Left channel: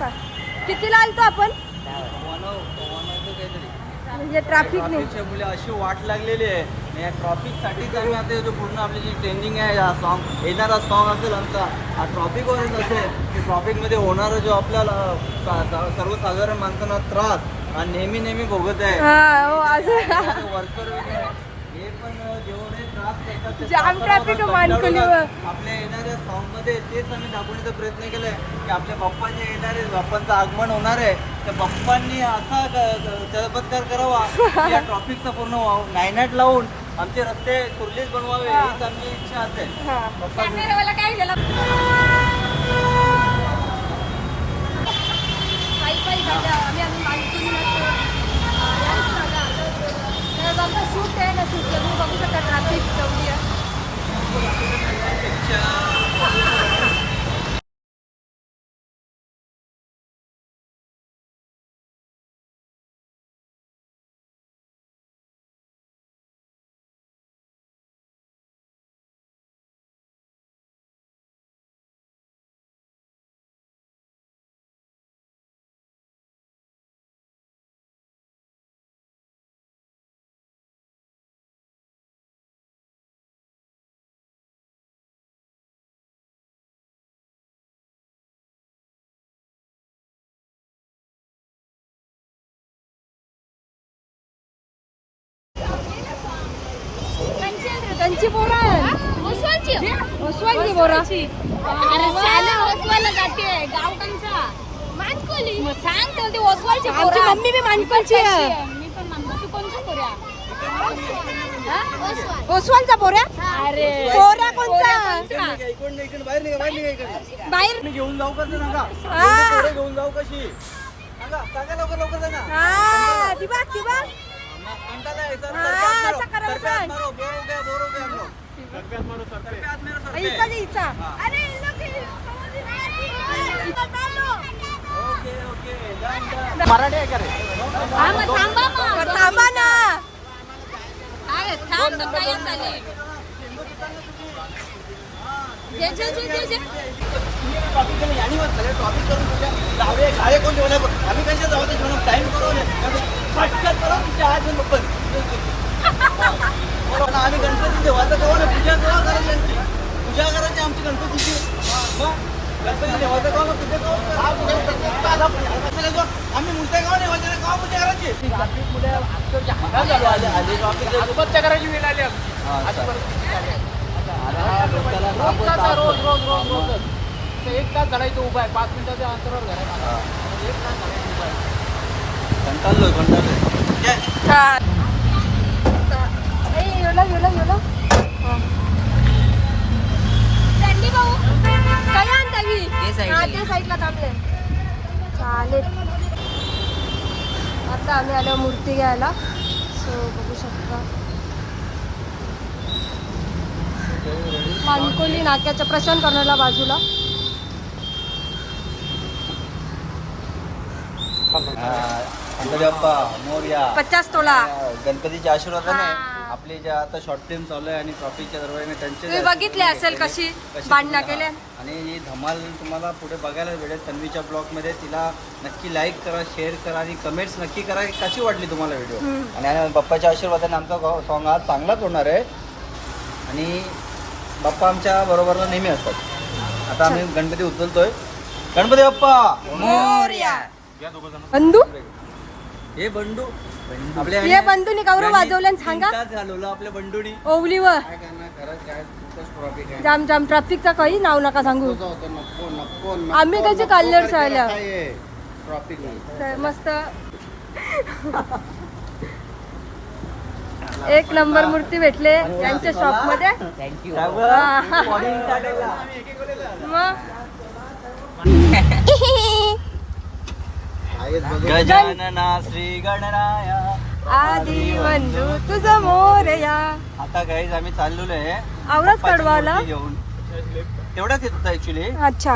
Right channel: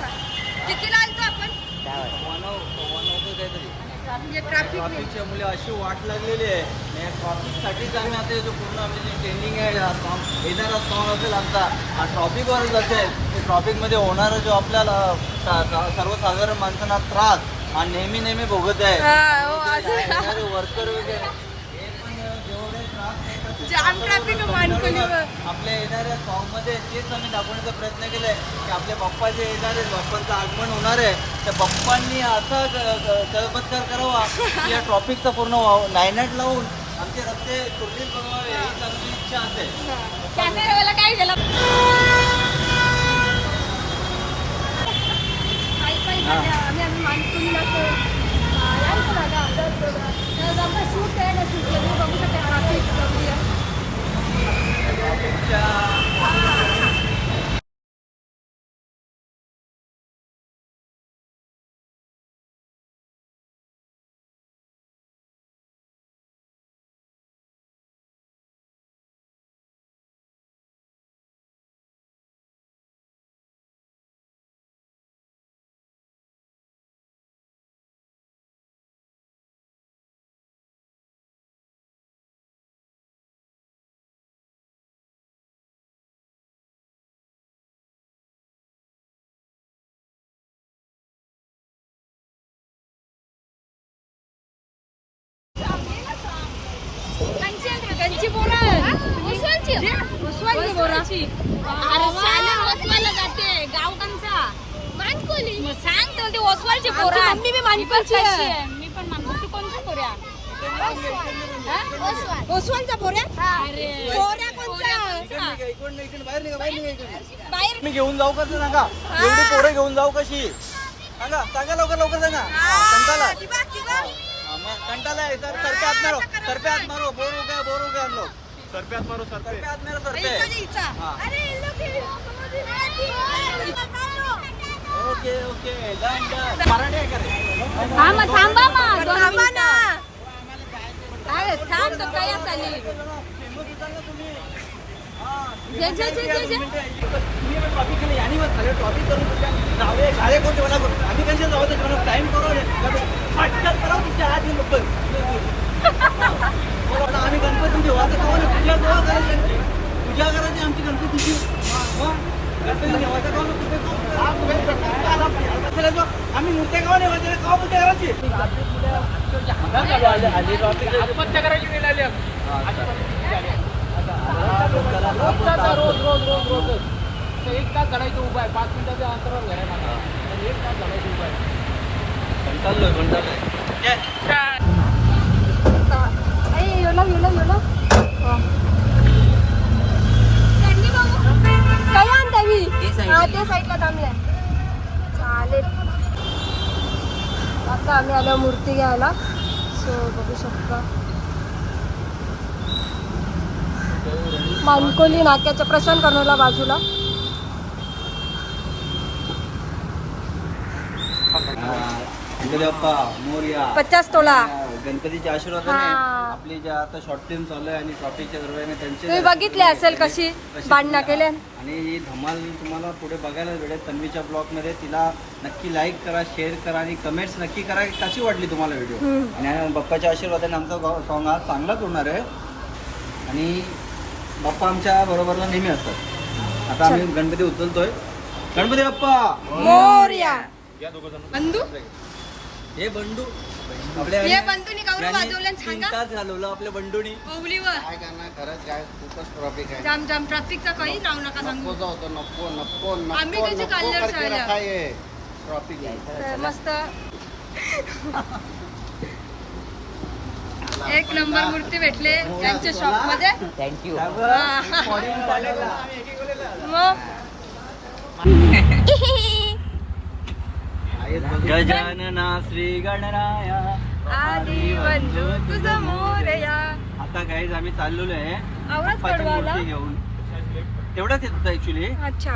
वाजता कितीला आलतो आपण? म्हणजे ट्रॅफिक ट्रॉफिकच्या मुले अशी वाट लागलेली आहे. या ट्रॉफिकसाठीच आम्ही आता जो पूर्ण आपली जी ट्रेंडिंग आहे हा सॉन्ग येणारा सॉन्ग असेल आमचा हा ट्रॉफिकवरच असेल. की ट्रॉफिकमध्ये होणारा जो आपल्याला सा- सा- सर्वसाधारण माणसांना त्रास हा नेहमी नेहमी भोगत आहे. हा हो, अजून. वर्कर वगैरे. जाम. कंटाळूनच आपल्या येणाऱ्या सॉन्गमध्ये तेच आम्ही दाखवण्याचा प्रयत्न केलाय की आपल्या बाप्पा जे येणार बाप्पांचं आगमन होणार आहे. त्या बाप्पांनी असा चमत्कार करावा या ट्रॉफिकचा पूर्ण नायनाट लावून आमचे रस्ते सुरळीत बनवावे हीच आमची इच्छा असेल. आम्ही oswalची oswalची बोरा. अरे शाला ओसवायला जाते गाव कंचा मानकोली. मग सांग तर ते आमची पोरं. मम्मी बी मानकोलची आहे. मी पण मानतो तू कोणचा पोऱ्या? ओसवालचा अरे. पोऱ्या कोणचा? इकडनं इकडनं बाहेर निघा बाहेर निघा इकडे बाहेर. मी घेऊन जाऊ का सांगा? पोरं घेऊन जाऊ कशी? सांगा सांगा लवकर लवकर सांगा. कंटाला। मारो बोर हो गया बोर हो गया हम लोग इचा जी, इचा. अरे थांबा ना. टाइम आम्ही गणपती देवाचं कोण आहे? पूजा करायची पूजा करायची आमची गणपतीची गणपती देवाचं? आपल्याला जो- आम्ही मूर्त्या गाव म्हणजे गाव पूजा. करायची रोज रोज रोज रोजच एक तास घडायचं उभा आहे पाच मिनिटाच्या अंतरावर घर आहे माझा आणि एक तास घडायचं उभा आहे काय? आणता मी हा साईडला थांबले. चालेल. आता आम्ही आलो मूर्ती घ्यायला. सो बघू शकता. मानकोली नाक्याच्या प्रशांत कर्नलला बाजूला. गणपती बाप्पा मोरया पचास तोला. गणपतीचे आशीर्वाद हा. आपली ज्या आता शॉर्ट फिल्म चालू आहे आणि ट्रॉफिकच्या दरम्यान त्यांचे तुम्ही बघितले असेल कशी भांडणं केले? आणि ही धमाल तुम्हाला पुढे बघायला भेटेल तन्वीच्या ब्लॉगमध्ये तिला नक्की लाईक करा शेअर करा आणि कमेंट्स नक्की करा की कशी वाटली तुम्हाला व्हिडिओ हम्म. आणि बाप्पाच्या आशीर्वादाने आमचा सॉन्ग हा चांगलाच होणार आहे. आणि बाप्पा आमच्या बरोबरला नेहमी असतात. आता आम्ही गणपती उचलतोय. गणपती बाप्पा मोरया. बंधू? हे बंडू. आपल्या ये बंधूनी कवरं यांनी वाजवलं सांगा. घालवलं आपल्या बंडूनी. ओवलीवर. काय करणार? खरंच काय खूपच ट्रॉफिक आहे. जाम जाम ट्रॅफिकचा काही नाव नका सांगू. नको होतं नको नको नको आम्ही त्याचे कल्लर चालल्या. ट्रॉफिक तर मस्त. एक नंबर मूर्ती भेटले यांच्या शॉपमध्ये. थँक्यू हा. मग? गजानना श्री गणराया. आधी बंधू तुझं मोरया आता काहीच आम्ही चाललेलो आहे. आवडत कडवाला मूर्ती घेऊन. तेवढंच येत होतं ऍक्च्युली अच्छा.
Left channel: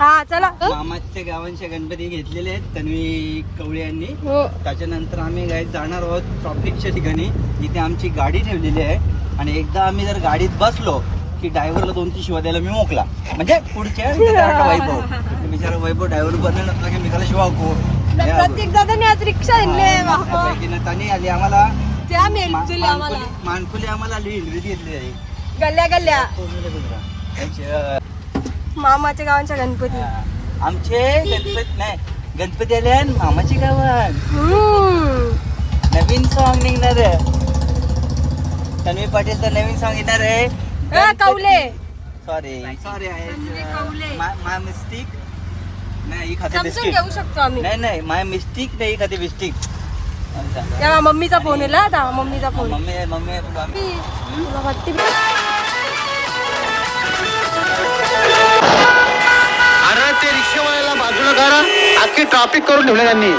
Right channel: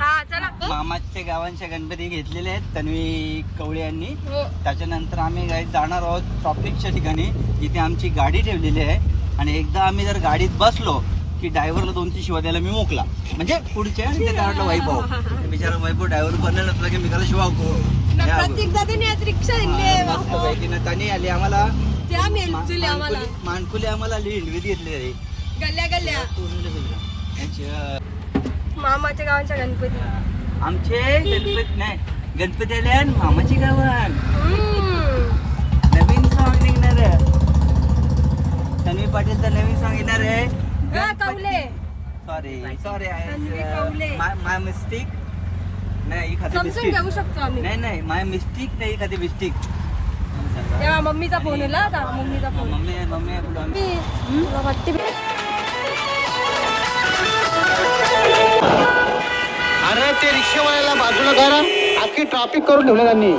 हा चला. मामाच्या गावांच्या गणपती घेतलेले आहेत तन्वी कवळे यांनी. हो. त्याच्यानंतर आम्ही काही जाणार आहोत ट्रॉफिकच्या ठिकाणी जिथे आमची गाडी ठेवलेली आहे. आणि एकदा आम्ही जर गाडीत बसलो की ड्रायव्हरला दोन तीन शिवा द्यायला मी मोकला. म्हणजे पुढच्या वैभव बिचारा वैभव ड्रायव्हर बनायला लागला की मी त्याला शिवा को प्रत्येक दादाने आज रिक्षा त्यांनी आली आम्हाला मानकुली- आम्हाला हिलवीत घेतली आहे. गल्ल्या. मामाच्या गावांच्या गणपती. आमचे गणपती नाही गणपती आले मामाची गावात. नवीन सॉन्ग निघणार तन्वी पाटीलचं नवीन सॉन्ग येणार आहे. A, Kaule. Sorry sorry Tanvi Kaule. My mistake नाही ही खाते समजून बिस्किट घेऊ शकतो आम्ही. नाही नाही माय मिस्टेक नाही ही खाते बिस्टिक या मम्मीचा फोन आहे ना आता मम्मीचा फोन मम्मी मम्मी बोलू आम्ही. तुला वाटते अरे ते रिक्षावाल्याला बाजूला करा. अख्खी ट्रॅफिक करून ठेवलं त्यांनी.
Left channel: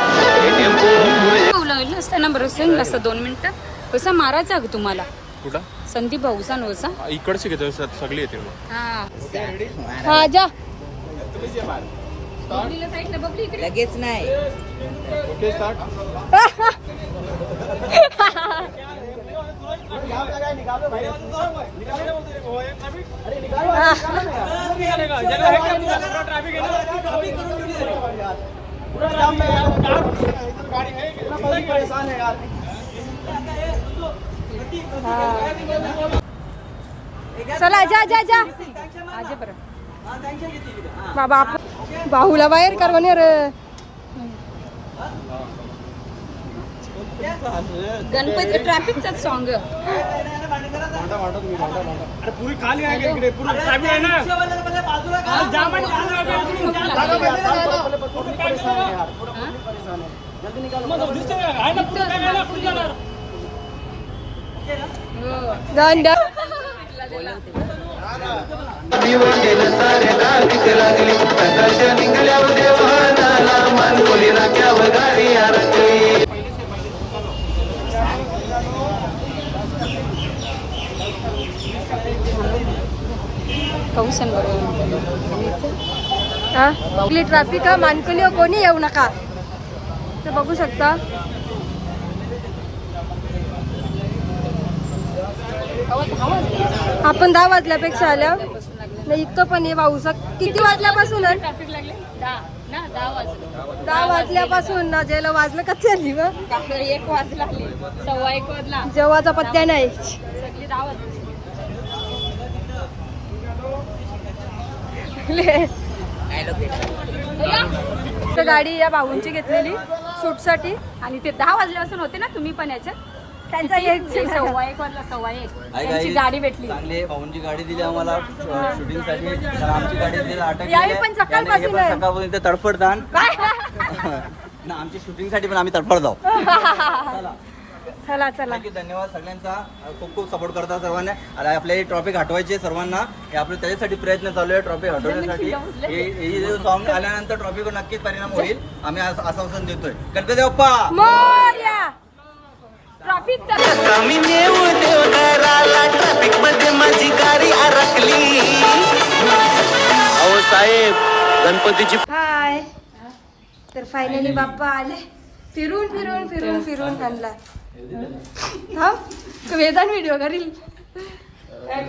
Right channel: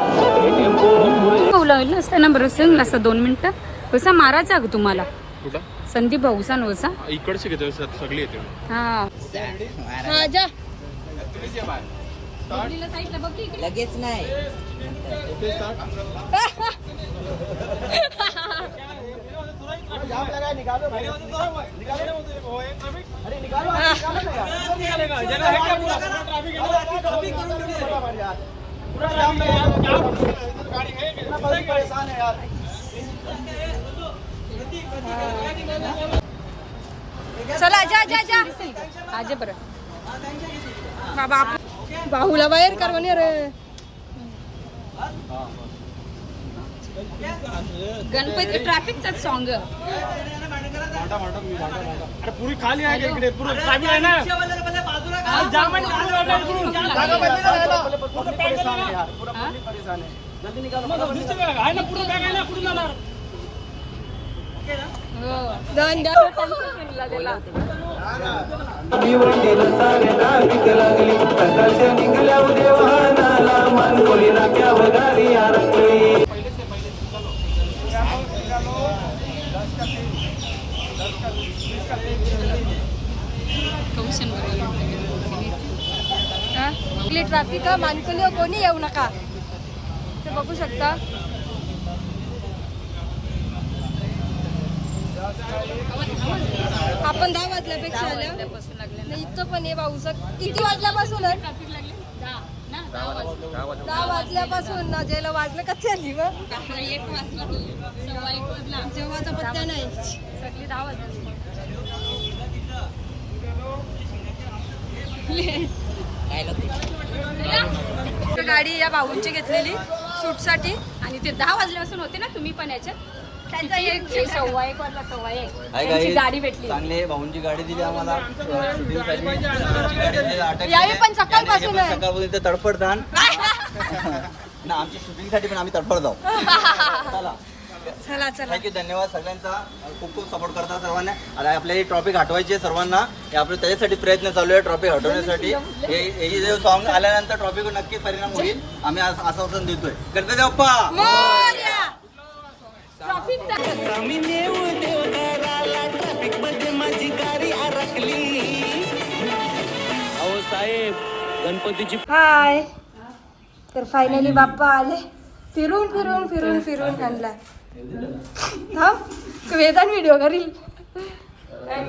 लावलं असतं ना बरं सांग असं दोन मिनिटं. कसा मारायचा ग तुम्हाला? कुठं संदीप भाऊसा नवसा इकडचे घेतो सर सगळी येते हा हा जा लगेच नाही चला जा जा जा आजे बरं बाबा आप- बाहुला बाहेर करवणे रे गणपती ट्रॅफिकचा सॉंग अरे पुरी खाली आहे इकडे पुरी ट्रॅफिक खाली आहे ना यायला. पब्लिक दन दन पाऊसन बरोबर हा? आपली ट्रॅफिक मानकुली कोणी येऊ नका. ते बघू शकता. आपण दहा वाजल्यापेक्षा आल्या. नाही इथं पण ये पाऊस किती वाजल्यापासून? आहे? ट्रॅफिक लागले? दहा वाजल्यापासून ना जेला वाजलं का चालली एक वाजला. सव्वा एक वाजला. जेव्हाचा पत्त्या नाही. सगळी दहा वाजले. तर गाडी या भाऊंची घेतलेली शूटसाठी. आणि ते दहा वाजल्यापासून होते ना तुम्ही पण याच्यात? त्यांचा एक हाय त्यांची. गाडी भेटली. चांगले भाऊंची गाडी दिली आम्हाला. आमची गाडी दिली, अटक यावेळी केली. पण सकाळपासून याने हे पण आहे. सकाळपासून इथे तडफडदान ना आमच्या शूटिंगसाठी पण आम्ही तडफड जाऊ. चला. चला धन्यवाद सगळ्यांचा. खूप खूप सपोर्ट करता सर्वांना. आणि आपल्याला ट्रॉफिक हटवायची सर्वांना. हे आपले त्याच्यासाठी प्रयत्न चालू आहे ट्रॉफिक हटवण्यासाठी हे हे सॉन्ग आल्यानंतर ट्रॉफिकवर नक्कीच परिणाम होईल. आम्ही आज आश्वासन देतोय. गणपती बाप्पा मोरया! ट्रॅफिकमध्ये माझी गाडी अडकली अहो साहेब गणपतीची हाय. तर फायनली बाप्पा आले. फिरून फिरून फिरून फिरून आणला. हा तू वेदान व्हिडिओ करील.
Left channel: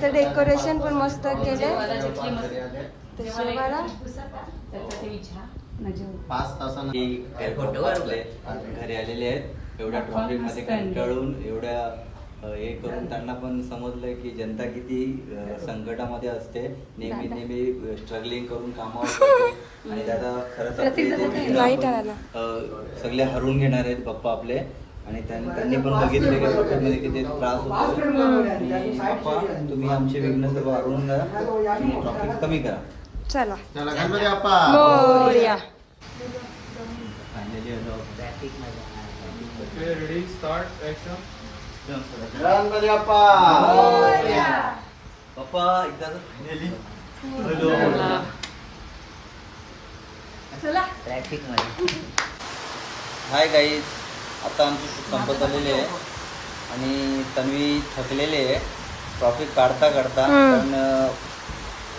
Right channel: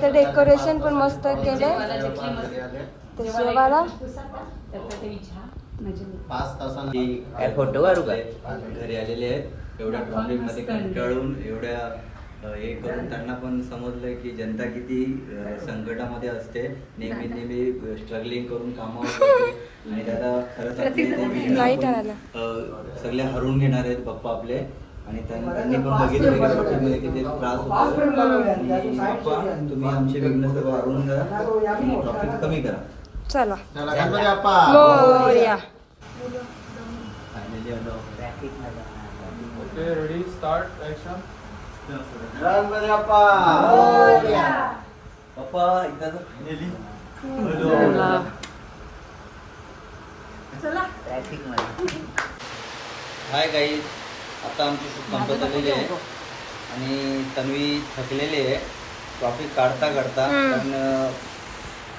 तर डेकोरेशन पण मस्त केले तर जेवायला. पाच तासांनी एअरपोर्ट घरी आलेले आहेत. एवढ्या ट्रॉफिकमध्ये कंटाळून एवढ्या हे करून त्यांना पण समजलं की जनता किती संकटामध्ये असते. नेहमी नेहमी स्ट्रगलिंग करून कामावर. आणि दादा खरंच सगळे हरवून घेणार आहेत पप्पा आपले. आणि त्यां- त्यांनी पण बघितले की ट्रॉफिकमध्ये किती त्रास होतो. तुम्ही आमचे विघ्न सर्व हरवून आणि ट्रॉफिक कमी करा. चला. चला Ganpati Bappa. Morya. Ready start action Ganpati Bappa. पप्पा एकदा फायनली चला. ट्रॅफिक नाही. हाय गाईज आता आमची संपत आलेली आहे. आणि तन्वी थकलेली आहे. ट्रॉफिक काढता काढता पण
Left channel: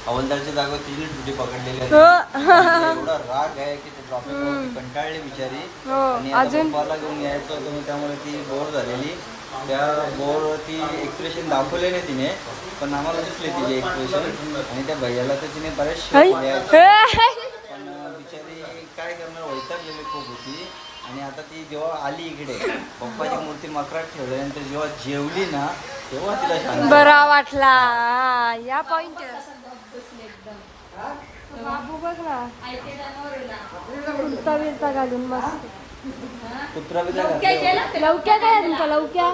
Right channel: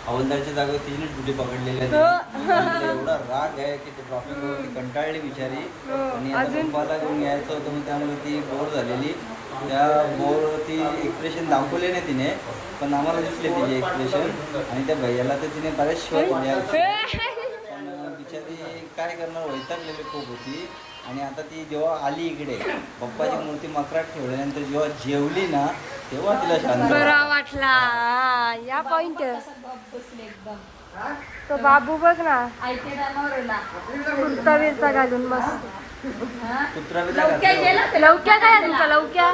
हवालदारच्या जागेवर तिने ड्युटी पकडलेली आहे तिला एवढा राग आहे की ते ट्रॉफिक कंटाळली बिचारी. हो, आणि आता अजून- पप्पाला घेऊन यायचं होतं मग त्यामुळे ती बोर झालेली. त्या बोर्डवरती एक्सप्रेशन दाखवले नाही तिने पण आम्हाला दिसले तिचे एक्सप्रेशन आणि त्या भैयाला तर तिने बरेच शोध पण बिचारी काय करणार वैतागलेली खूप होती. आणि आता ती जेव्हा आली इकडे पप्पाची मूर्ती मकरात ठेवल्यानंतर जेव्हा जेवली ना तेव्हा तिला शांत बरा वाटला. हा, या पॉइंट तो बाबू बघ ना कुर्ता बिरता घालून मस्त. लवक्या काय आहे तुमच्या लवक्या.